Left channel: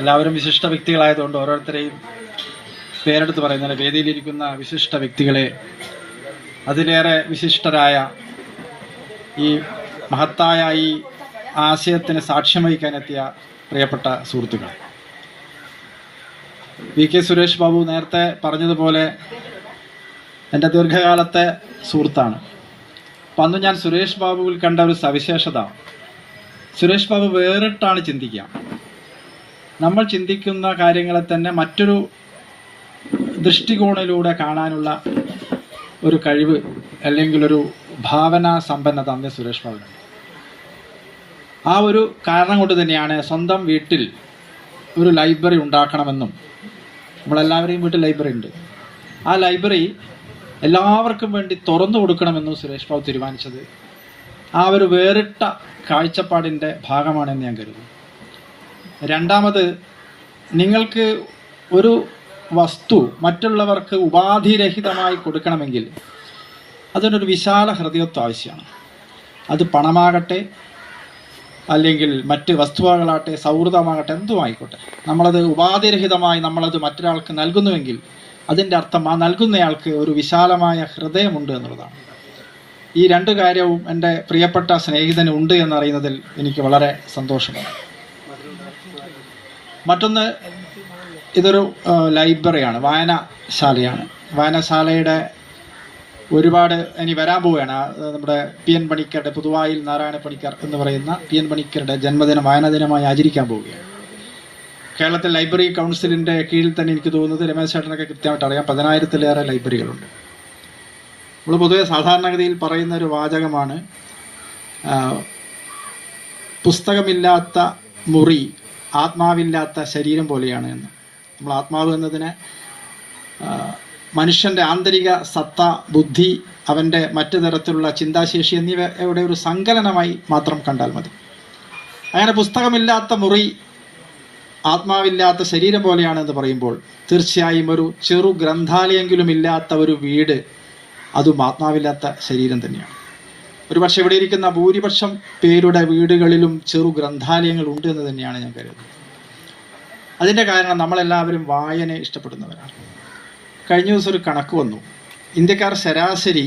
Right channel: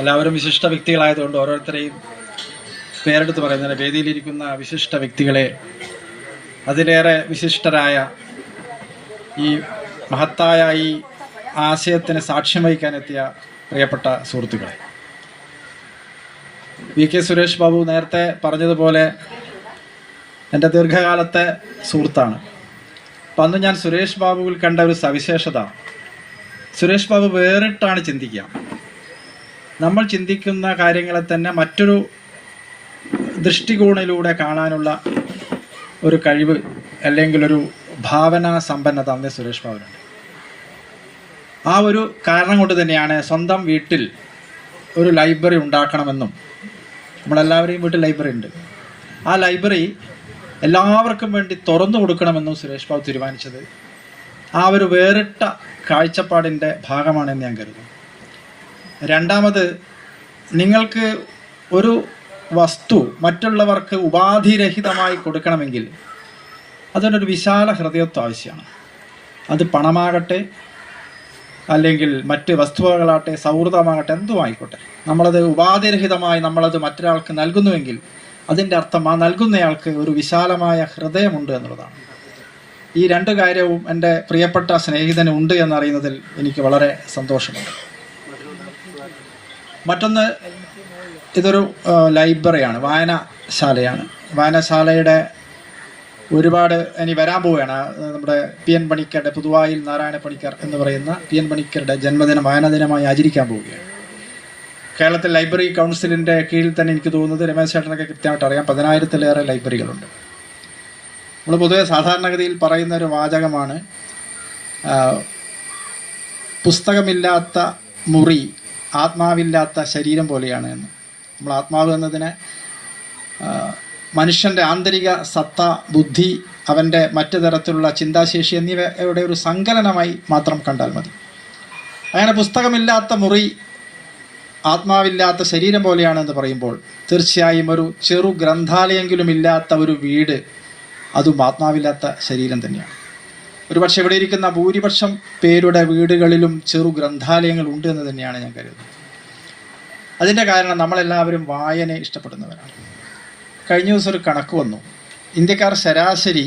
എല്ലാവരും വിശിഷ്ട വ്യക്തികളായതുകൊണ്ട് ഓരോരുത്തരെയും പേരെടുത്ത് പറയുന്നത്, വേദിയിലിരിക്കുന്ന വിശിഷ്ട വ്യക്തികളെ, അതിലേറെ വിശിഷ്ടരായ ഈ മഹത്തായ ഈ ആശയത്തിന് സാക്ഷ്യം വഹിക്കാനെത്തിയ പ്രിയപ്പെട്ട സുഹൃത്തുക്കളെ, വി കെ സുരേഷ് ബാബു നേരത്തെ പറഞ്ഞതുപോലെ എൻ്റെ ദീർഘകാലത്തെ സുഹൃത്താണ്. അപ്പം അന്ന് ഞാൻ സുരേഷ് ബാബുവിൽ കണ്ട ഒരു സവിശേഷത, സുരേഷ് ബാബു വേറിട്ടാണ് ചിന്തിക്കുക. നമ്മൾ ചിന്തിക്കുന്ന കാര്യങ്ങളെ തന്നെ മറ്റൊരു ദൃഷ്ടികോണിലൂടെ കാണാനുള്ള ഒരു കഴിവ് അല്ലെങ്കിൽ ഒരു ഭാവനാ സമ്പന്നത അന്ന് സുരേഷ് ബാബുവിനുണ്ട്. ആ ഒരു കാരണം കൊണ്ട് തന്നെയാണ് സ്വന്തം വീട്ടിൽ ഒരു ലൈബ്രറി ഉണ്ടാക്കണമെന്നും, നമ്മളെല്ലാവരെയും വീട്ടിൽ ലൈബ്രറി ഉണ്ട്, ആ ലൈബ്രറി എല്ലാവർക്കും വേണ്ടി തുറന്നു കൊടുക്കണമെന്നും സുരേഷ് ബാബു തീരുമാനിച്ചത് ആ ഒരു വേറിട്ട കാഴ്ചപ്പാടിൻ്റെ ഭാഗമാണെന്ന് ഞാൻ കരുതുന്നു. രണ്ടാമത്, നിങ്ങൾക്ക് ഒരു വസ്തു മറ്റുള്ളവർക്ക് ഉപാധിരഹിതമായി കൊടുക്കണമെങ്കിൽ അതിനൊരു വിശാല ഹൃദയത്വം ആവശ്യമാണ്. അത് പണമാകട്ടെ, അല്ലെങ്കിൽ മറ്റ് വസ്തുവകളാകട്ടെ, സൗഹൃദമാകട്ടെ, എന്തുമായിക്കോട്ടെ, നമ്മളത് ഉപാധിരഹിതമായി നമ്മളത് മറ്റൊരാൾക്ക് നൽകുന്നുവെങ്കിൽ അതിൻ്റെ അർത്ഥം ആ നൽകുന്നയാൾക്ക് ഒരു വിശാലമായ ഹൃദയമുണ്ട് എന്നുള്ളതാണ്. ഈ രണ്ട് കാര്യവും എൻ്റെ പ്രിയപ്പെട്ട സ്നേഹിതന് ഉണ്ട് എന്നറിയുന്നതിൽ എനിക്ക് വളരെ സന്തോഷമാണ്. മറ്റൊന്ന്, ഇതൊരു ലൈബ്രറിയാണ്, വായനശാലയാണ്. വായനശാലയുടെ ഒരുപാട് ഇനി വരാൻ പോവുകയാണ്. നമ്മുടെ പി എൻ പണിക്കരുടെ, പുതുവായിൽ നാരായണ പണിക്കർ എന്ന് പറയുന്ന പി എൻ പണിക്കരുടെ ജന്മദിനം വായനാ ദിനമായി ആചരിക്കാൻ പോവുകയാണ്. കേരളത്തിൽ ലൈബ്രറി കൗൺസിലിൻ്റെ കീഴിൽ തന്നെ എനിക്ക് തോന്നുന്നത്, രമേശ് ചേട്ടനൊക്കെ കൃത്യമായിട്ട് അറിയാം, 10,000-ലേറെ ലൈബ്രറികളുണ്ട്. നമ്മൾ പൊതുവെ സാധാരണഗതിയിൽ പറയുന്ന ഒരു വാചകമാണ്, പുസ്തകമില്ലാത്ത മുറി ആത്മാവില്ലാത്ത ശരീരം പോലെയാണ് എന്ന്. നമ്മൾ ആത്മാവ് എന്നതിനെ മനുഷ്യൻ്റെ ആന്തരിക സത്ത, ബുദ്ധി, അവൻ്റെ മറ്റു തരത്തിലുള്ള ചിന്താശേഷി എന്നിവയുടെ ഒരു സങ്കലനമായി മാത്രം കണ്ടാൽ മതി. അങ്ങനെ പുസ്തകമില്ലാത്ത മുറി ആത്മാവില്ലാത്ത ശരീരം പോലെയാണെന്ന് പറയുമ്പോൾ തീർച്ചയായും ഒരു ചെറു ഗ്രന്ഥാലയെങ്കിലും ഇല്ലാത്ത ഒരു വീട് അതും ആത്മാവില്ലാത്ത ശരീരം തന്നെയാണ്. ഒരുപക്ഷെ ഇവിടെ ഇരിക്കുന്ന ഭൂരിപക്ഷം പേരുടെ വീടുകളിലും ചെറു ഗ്രന്ഥാലയങ്ങൾ ഉണ്ട് എന്ന് തന്നെയാണ് ഞാൻ കരുതുന്നത്. അതിൻ്റെ കാരണം നമ്മളെല്ലാവരും വായനയെ ഇഷ്ടപ്പെടുന്നവരാണ്. കഴിഞ്ഞ ദിവസം ഒരു കണക്ക് വന്നു, ഇന്ത്യക്കാർ ശരാശരി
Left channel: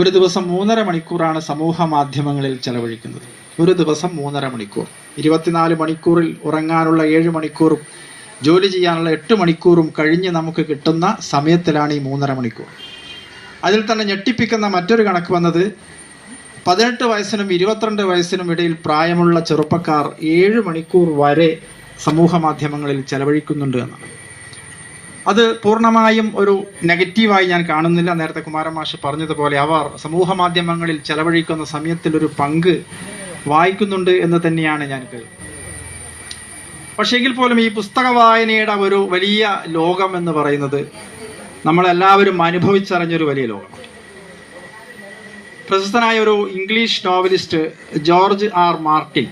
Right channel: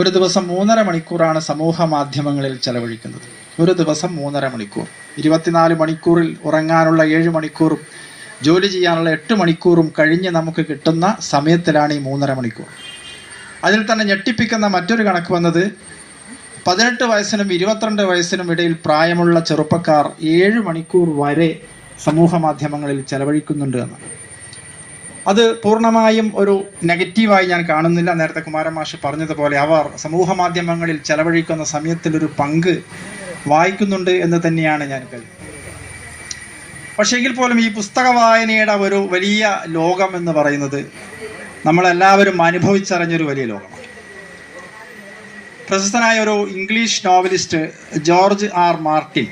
ഒരു ദിവസം 3.5 മണിക്കൂറാണ് സമൂഹ മാധ്യമങ്ങളിൽ ചെലവഴിക്കുന്നത്. ഒരു ദിവസം 3.5 മണിക്കൂർ. 24 മണിക്കൂറിൽ ഉറങ്ങാനുള്ള 7 മണിക്കൂറും ജോലി ചെയ്യാനുള്ള 8 മണിക്കൂറും കഴിഞ്ഞ് നമുക്ക് കിട്ടുന്ന സമയത്തിലാണ് ഈ 3.5 മണിക്കൂർ. അതിൽ തന്നെ ഞെട്ടിപ്പിക്കുന്ന മറ്റൊരു കണക്ക് വന്നത്, 18 വയസ്സിനും 22 വയസ്സിനും ഇടയിൽ പ്രായമുള്ള ചെറുപ്പക്കാർ 7 മണിക്കൂർ വരെ സമൂഹ മാധ്യമങ്ങളിൽ ചെലവഴിക്കുന്നുണ്ട് എന്നാണ്. അത് പൂർണ്ണമായും ഒരു നെഗറ്റീവായി ഞാൻ കാണുന്നില്ല. നേരത്തെ കുമാരൻ മാഷ് പറഞ്ഞതുപോലെ അവർ സമൂഹ മാധ്യമങ്ങളിൽ ചെലവഴിക്കുന്ന സമയത്തിലൊരു പങ്ക് വായിക്കുന്നുണ്ട് എന്ന് തന്നെയാണ് ഞാൻ കരുതുന്നത്. പക്ഷേ എങ്കിൽ പോലും ഈ പുസ്തക വായനയുടെ ഒരു വലിയ ലോകം എന്ന് പറയുന്നത് നമ്മളെല്ലാവരും അനുഭവിച്ചറിഞ്ഞൊരു വലിയ ലോകമാണ്. പ്രശസ്തനായ ഒരു English novelist George R Martin,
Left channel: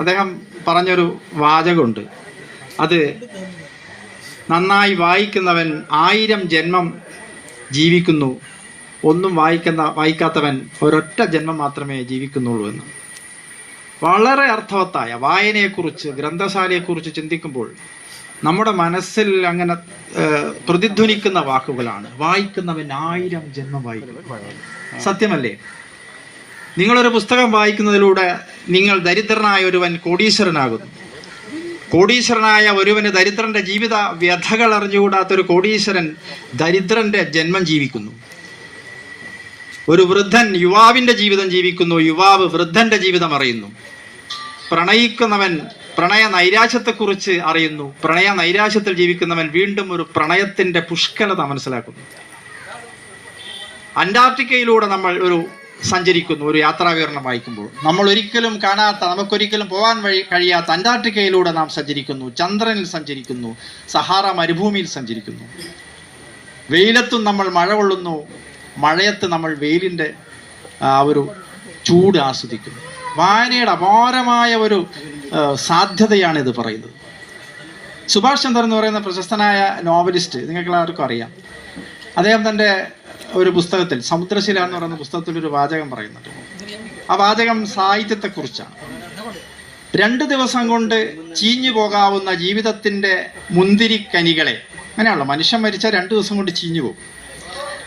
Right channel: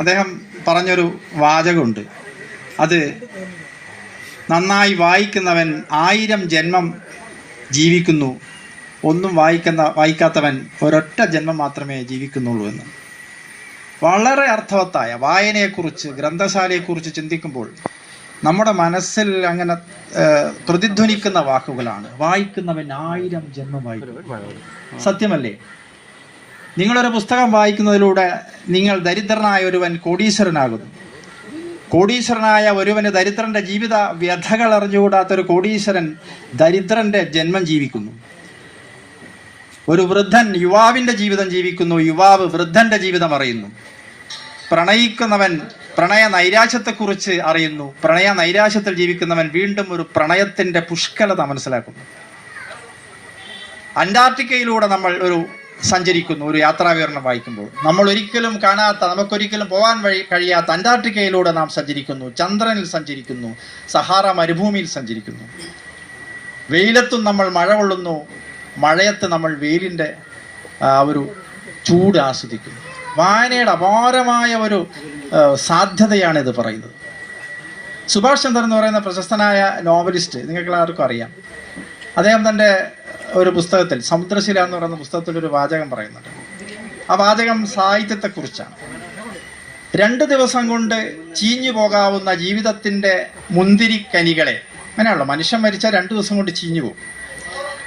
അദ്ദേഹം പറഞ്ഞൊരു വാചകമുണ്ട്, അത് നന്നായി വായിക്കുന്നവൻ 1000 ജന്മം ജീവിക്കുന്നു, ഒന്നും വായിക്കാത്തവൻ ഒരൊറ്റ ജന്മം മാത്രമേ ജീവിക്കുന്നുള്ളൂ എന്ന്. വളരെ അർത്ഥവത്തായ വായനയെക്കുറിച്ച്, ഗ്രന്ഥശാലയെക്കുറിച്ച് ചിന്തിക്കുമ്പോൾ നമ്മുടെ മനസ്സിൽ അങ്ങനെ പ്രതിധ്വനിക്കുന്ന വാക്കുകളാണ്, വായിക്കുന്നവൻ 1000 ജന്മം വായിക്കും. സത്യമല്ലേ? നിങ്ങളൊരു പുസ്തകം വായിക്കുന്നതിലൂടെ നിങ്ങൾ ദരിദ്രനായ ഒരുവൻ കോടീശ്വരനാകുന്നു. കോടീശ്വരനായ ഒരുവന് ദരിദ്രന്റെ ജീവിത വ്യഥകൾ അറിഞ്ഞുകൂടാത്തൊരു കോടീശ്വരൻ ദരിദ്രന്റെ ജന്മം ജീവിക്കുന്നു. ഒരു വൃദ്ധൻ യുവാവിൻ്റെ ജീവിതം ജീവിക്കുന്നു, യുവാവ് വൃദ്ധന്റെ ജീവിതം അറിയുന്നു. പ്രണയിക്കുന്നവൻ പ്രണയ നൈരാശ്യത്തെക്കുറിച്ച് അറിയുന്നു, പ്രണയ നൈരാശ്യത്തിൽ ജീവിക്കുന്നവൻ വീണ്ടും ഒരു പ്രണയത്തിൻ്റെ പുഷ്കലത മനസ്സിലാക്കുന്നു. അന്റാർട്ടിക്കയിലൂടെ നമ്മൾ സഞ്ചരിക്കുന്നു, ഒരു യാത്രാവിവരണം വായിക്കുമ്പോൾ നമ്മൾ ഒരിക്കലും കാണാത്ത, നമുക്കൊരിക്കലും പോകാൻ കഴിയാത്ത അന്റാർട്ടിക്കയിലൂടെ നാം സഞ്ചരിക്കുന്നു, ചന്ദ്രനിൽ സഞ്ചരിക്കുന്നു, സഹാറ മരുഭൂമിയിൽ സഞ്ചരിക്കുന്നു. വെയിലത്തും നമ്മൾ മഴ കൊള്ളുന്നു, മഴയത്ത് നമ്മൾ വെയിലിൻ്റെ ഒരു ചൂട് ആസ്വദിക്കുന്നു. വായനയുടെ അപാരമായ ഒരു സാധ്യതയാണ് ഇത് പറയുന്നത്. സുഭാഷ് ചന്ദ്രൻ എന്ന് പറയുന്ന പ്രശസ്തനായ നോവലിസ്റ്റ് നിങ്ങൾക്ക് എല്ലാവർക്കും അറിയാം. അദ്ദേഹം തൻ്റെ ഒരു പുസ്തകത്തിൽ, സമുദ്രശില എന്ന് പറയുന്ന പുസ്തകത്തിൽ ഒരു വാചകം പറയുന്നുണ്ട്. ആ വാചകം സാഹിത്യത്തെക്കുറിച്ചാണ്. 2 ദിവസം കൊണ്ട് ചീഞ്ഞു പോകാവുന്ന ജീവിതത്തിൻ്റെ മുന്തിരിക്കനികളെ, അങ്ങനെയാണല്ലോ, മനുഷ്യൻ മരിച്ചാൽ 2 ദിവസം കൊണ്ട് ചീഞ്ഞു പോകും.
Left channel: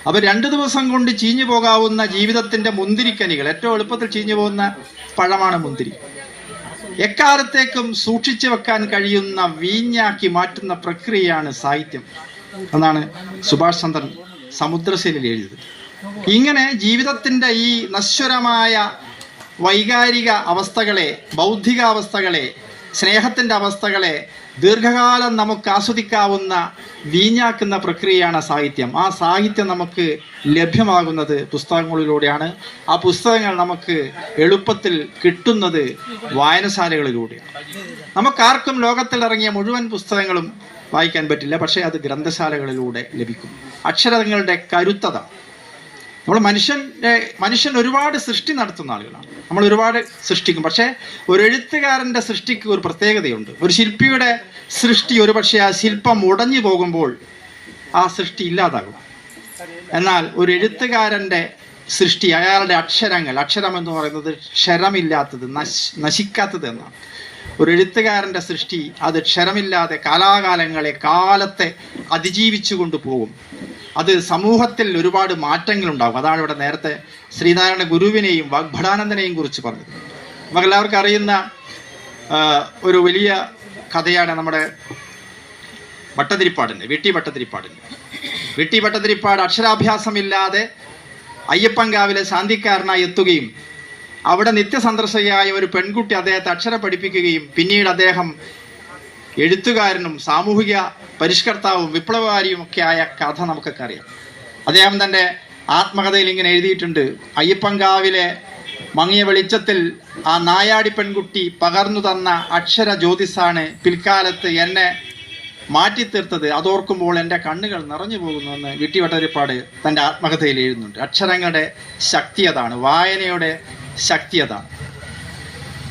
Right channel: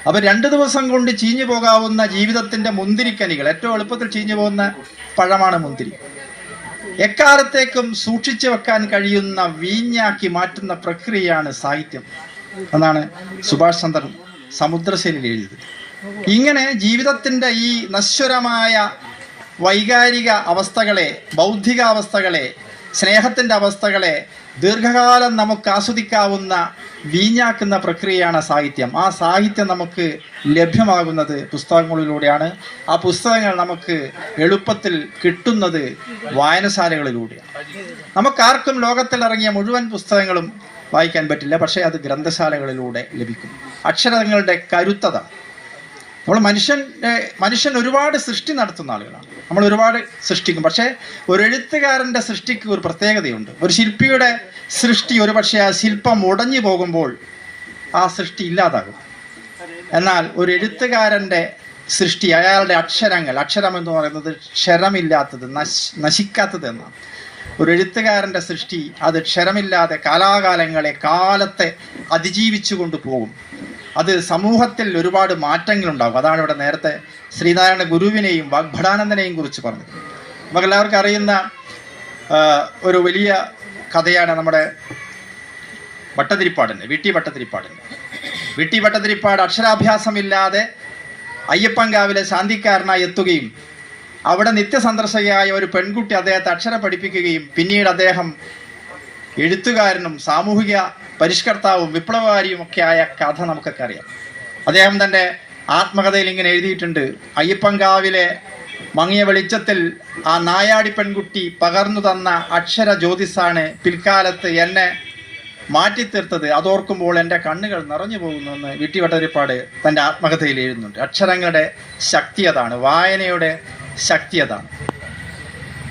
അപ്പോൾ 2 ദിവസം കൊണ്ട് ചീഞ്ഞു പോകാവുന്ന ജീവിതത്തിൻ്റെ മുന്തിരിക്കനികൾ, ഏറ്റവും എളുപ്പത്തിൽ ചീഞ്ഞു പോകുന്ന പഴമാണ് മുന്തിരി. എക്കാലത്തേക്കും സൂക്ഷിച്ചു വെക്കാൻ കഴിയുന്ന വീഞ്ഞാക്കി മാറ്റുന്ന പ്രക്രിയയാണ് സാഹിത്യം എന്നാണ് സുഭാഷ് ചന്ദ്രൻ സമുദ്രശൈലിയിൽ എഴുതിയത്. ഇങ്ങനെ ജീവിതത്തിൻ്റെ ഈ നശ്വരമായ വൈകാരിക അവസ്ഥകളെ, ബൗദ്ധികാവസ്ഥകളെ, സ്നേഹത്തിൻ്റെ അവസ്ഥകളെ ദീർഘകാലം നമുക്ക് ആസ്വദിക്കാവുന്ന വീഞ്ഞാക്കുന്ന പ്രക്രിയയാണ് സാഹിത്യം. ആ സാഹിത്യം നമുക്ക് ലഭ്യമാകുന്നത് പുസ്തകങ്ങളിലൂടെയാണ്. ആ പുസ്തകങ്ങൾ നമുക്ക് എളുപ്പത്തിൽ കിട്ടുന്നത് വായനശാലകളിലൂടെയാണ്. നമുക്കാർക്കും ലോകത്തിലിറങ്ങിയ മുഴുവൻ പുസ്തകങ്ങളും വായിക്കാൻ പറ്റില്ല, പക്ഷേ അത് ഗ്രന്ഥശാലകളിലൂടെ ലഭിക്കും. അക്ഷരങ്ങളുടെ കരുത്തത. മനുഷ്യൻ ഒരുപാട് സൃഷ്ടി നടത്തുന്ന ആളുകളാണ്. നമ്മൾ ഒരുപാട് സൃഷ്ടിക്കും, പക്ഷേ ഒരു എഴുത്തുകാരൻ്റെ സൃഷ്ടിക്ക് ഒരു പ്രത്യേകതയുണ്ട്. ഒരു ശില്പിയുടെ സൃഷ്ടി ഒരു പക്ഷേ ആ ശില്പം ഉടഞ്ഞു പോകുമ്പോൾ ആ സൃഷ്ടി ഇല്ലാതാകും. എന്നാൽ ഒരു എഴുത്തുകാരൻ്റെ സൃഷ്ടി, അയാളുടെ അക്ഷരം എന്ന് പറയുന്നത് ക്ഷരമില്ലാത്തത്, നശിക്കാത്തത് എന്നാണ്. ഒരു എഴുത്തുകാരൻ്റെ സൃഷ്ടി അത് ക്ഷരമില്ലാതെ കാലത്തെ അതിജീവിച്ചു കൊണ്ടുപോകും. അത് സമൂഹത്തിൽ ഒരുപാട് മാറ്റങ്ങളുണ്ടാകും. അതാണ് ഇവിടെ നേരത്തെ ശ്രീനാരായണ ഗുരുവിനെയും വാഗ്ഭടാനന്ദനെയും കുറിച്ച് പറഞ്ഞത്. നമുക്കെല്ലാവർക്കും അറിയുന്ന ഒരു വലിയ കഥയാണ് നമ്മുടെ വി ടി ഭട്ടതിരിപ്പാട് അക്ഷരാഭ്യാസമില്ലാതെ അയ്യപ്പൻകാവിലെ ശാന്തിക്കാരനായി എത്തുകയും അവിടെ നിത്യസന്ദർശകയായ ഒരു പെൺകുട്ടി അദ്ദേഹത്തെ അക്ഷരം പഠിപ്പിക്കുകയും പിന്നീട് അദ്ദേഹം എഴുത്തുകാരനും സാമൂഹിക പരിഷ്കർത്താവും വിപ്ലവകാരിയും ഒക്കെ ആയ കഥ നമുക്കൊക്കെ അറിയാം. അദ്ദേഹം തൻ്റെ ആത്മകഥയിൽ ഇങ്ങനെ എഴുതിയിട്ടുണ്ട്: അയ്യപ്പൻകാവിലെ മങ്ങിയ വെളിച്ചത്തിൽ ആ നായാടി പെൺകുട്ടി പകർന്നു തന്ന അക്ഷര ജ്യോതിസാണ് പിൽക്കാലത്ത് എന്നെ മാറ്റിത്തീർത്തത്. അതോർക്കുമ്പോൾ എൻ്റെ കണ്ണുകൾ നിറഞ്ഞു പോകുന്നുവെന്ന് വി ടി ഭട്ടതിരിപ്പാട് തൻ്റെ ആത്മകഥയിൽ എഴുതുന്നുണ്ട്. അക്ഷരങ്ങളുടെ ശക്തി അതാണ്, വായനയുടെ ശക്തി അതാണ്.